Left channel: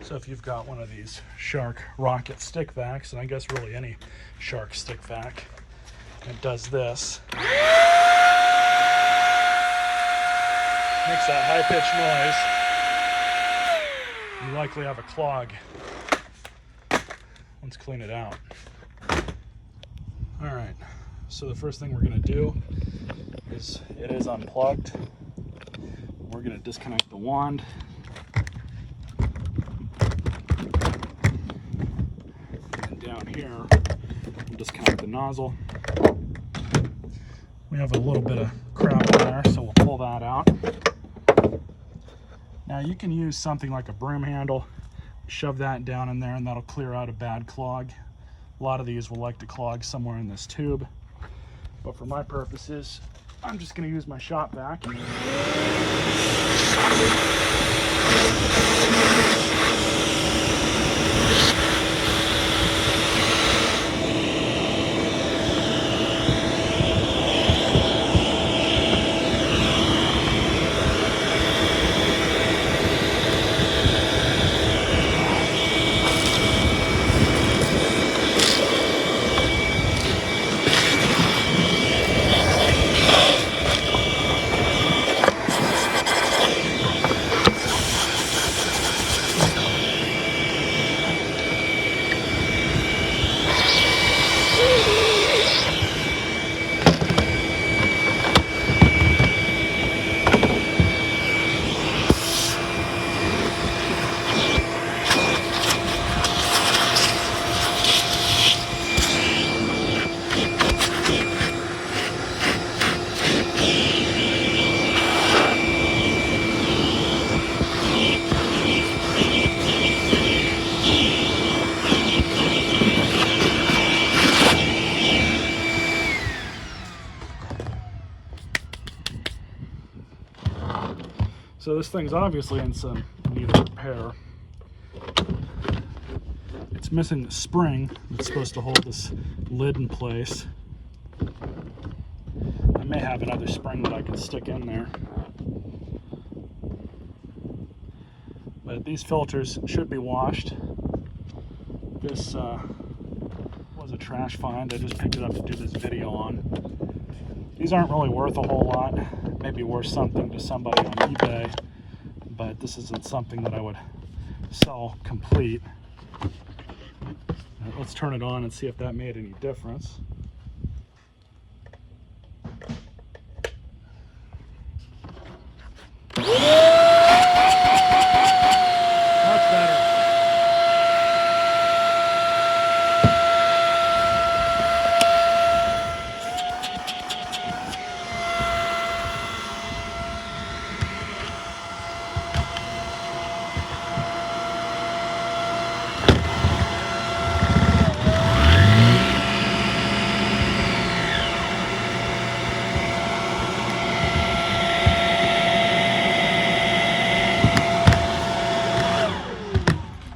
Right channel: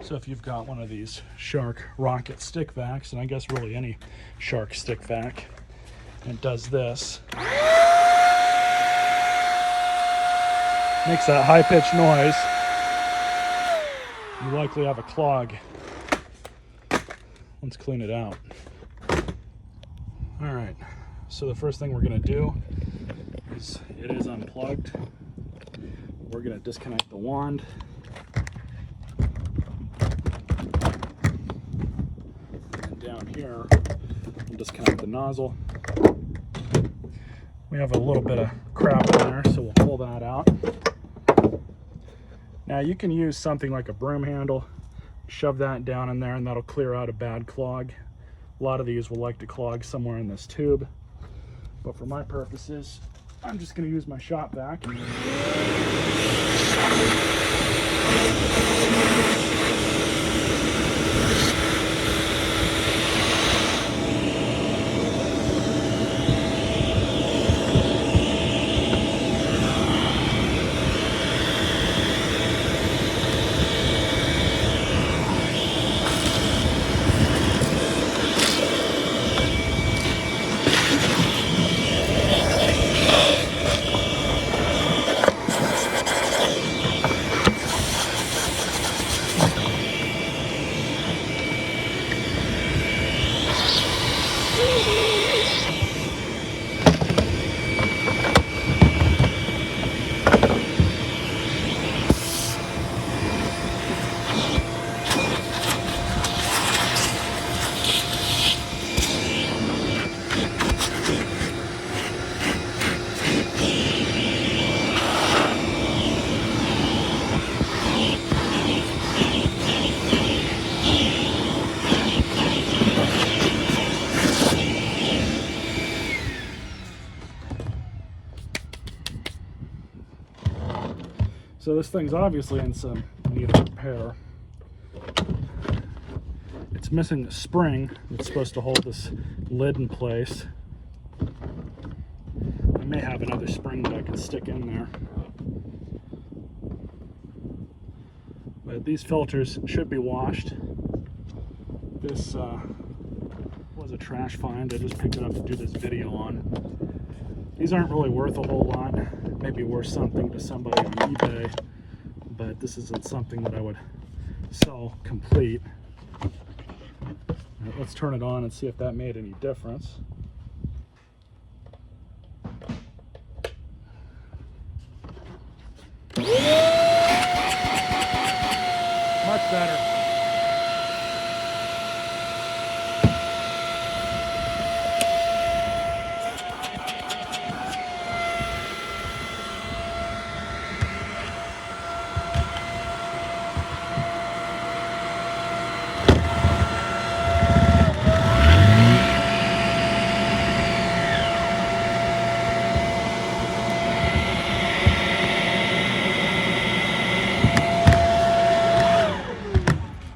So if you've got one of these Shark rocket stick vacs, and I guess really any Shark stick vac, it does this. Makes that high-pitched noise. You likely have a clog. Let's clean it out. All right, so the first thing we're gonna do is, it is unplugged. We're gonna disconnect the wand. And down here, we'll disconnect the nozzle. We have a little bit of crap in there, so we'll pull that out. Now you can use something like a broom handle, shove that down in there, and that'll clear out a bad clog. A lot of these will like to clog somewhere in this tube, but for my purposes, I'm just going to use my shop vac. So this thing's obviously in some need of repair. It's missing the spring that's supposed to hold this lid in place. I may have another spring that I can stick in there. But these filters should be washed. This was a trash find. I just picked it up to do this video on. These aren't really worth a whole lot. Maybe worth something to somebody on eBay, but this isn't something that I would sell complete. Let's turn it on and see if that made any difference. Much better.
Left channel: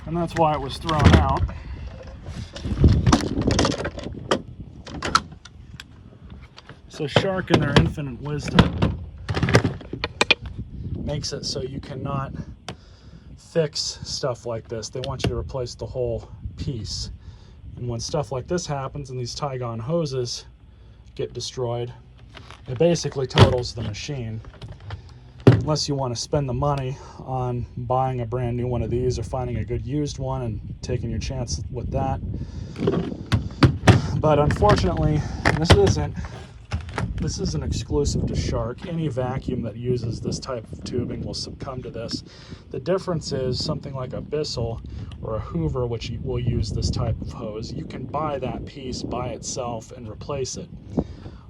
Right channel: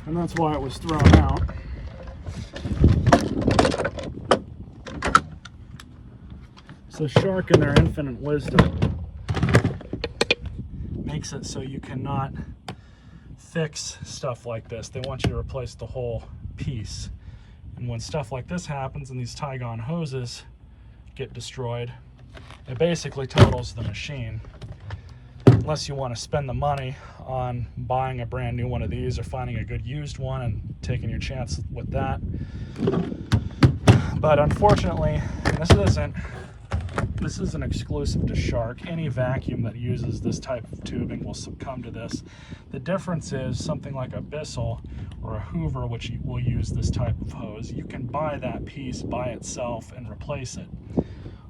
And that's why it was thrown out. So Shark, in their infinite wisdom, makes it so you cannot fix stuff like this. They want you to replace the whole piece. And when stuff like this happens and these Tygon hoses get destroyed, it basically totals the machine. Unless you want to spend the money on buying a brand new one of these or finding a good used one and taking your chance with that. But unfortunately, this isn't exclusive to Shark. Any vacuum that uses this type of tubing will succumb to this. The difference is something like a Bissell or a Hoover, which will use this type of hose. You can buy that piece by itself and replace it.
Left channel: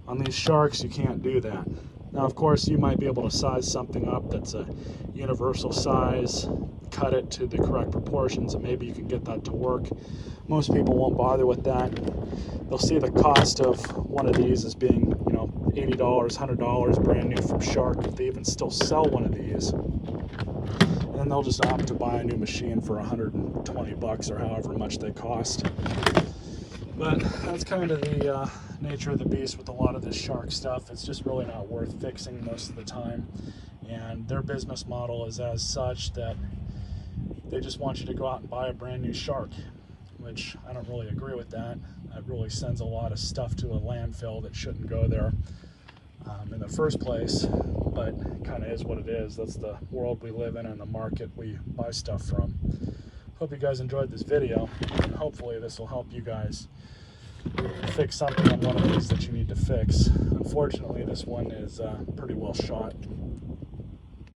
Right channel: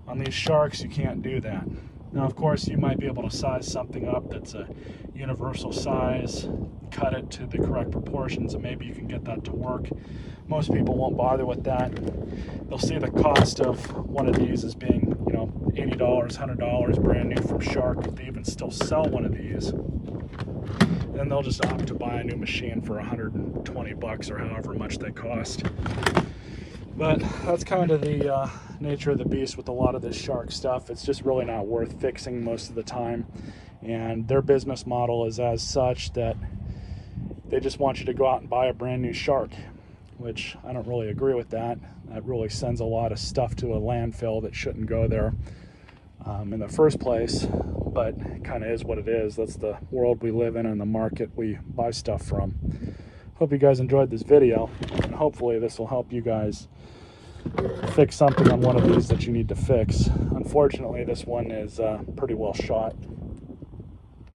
On these Sharks, you can't do that. Now, of course, you might be able to size something up that's a universal size, cut it to the correct proportions, and maybe you can get that to work. Most people won't bother with that. They'll see the cost of one of these as being, you know, $80, $100 brand new from Shark, if they even still sell one of these. And they'll just opt to buy a new machine for $120 or however much they cost. But that's kind of the nature of the beast with a lot of this Shark stuff. It's just really not worth fixing most of the time. And their business model is as such that they just want you to go out and buy a brand new shark, which I don't really agree with that. That really sends a lot of stuff to a landfill that shouldn't go there in the first place, but it kind of is what it is. That's the world we live in and the market we buy stuff from. Hope you guys enjoyed this video, and hopefully this will help you guys fix something on one of these that you need to fix. Unfortunately, this one is pretty well shot.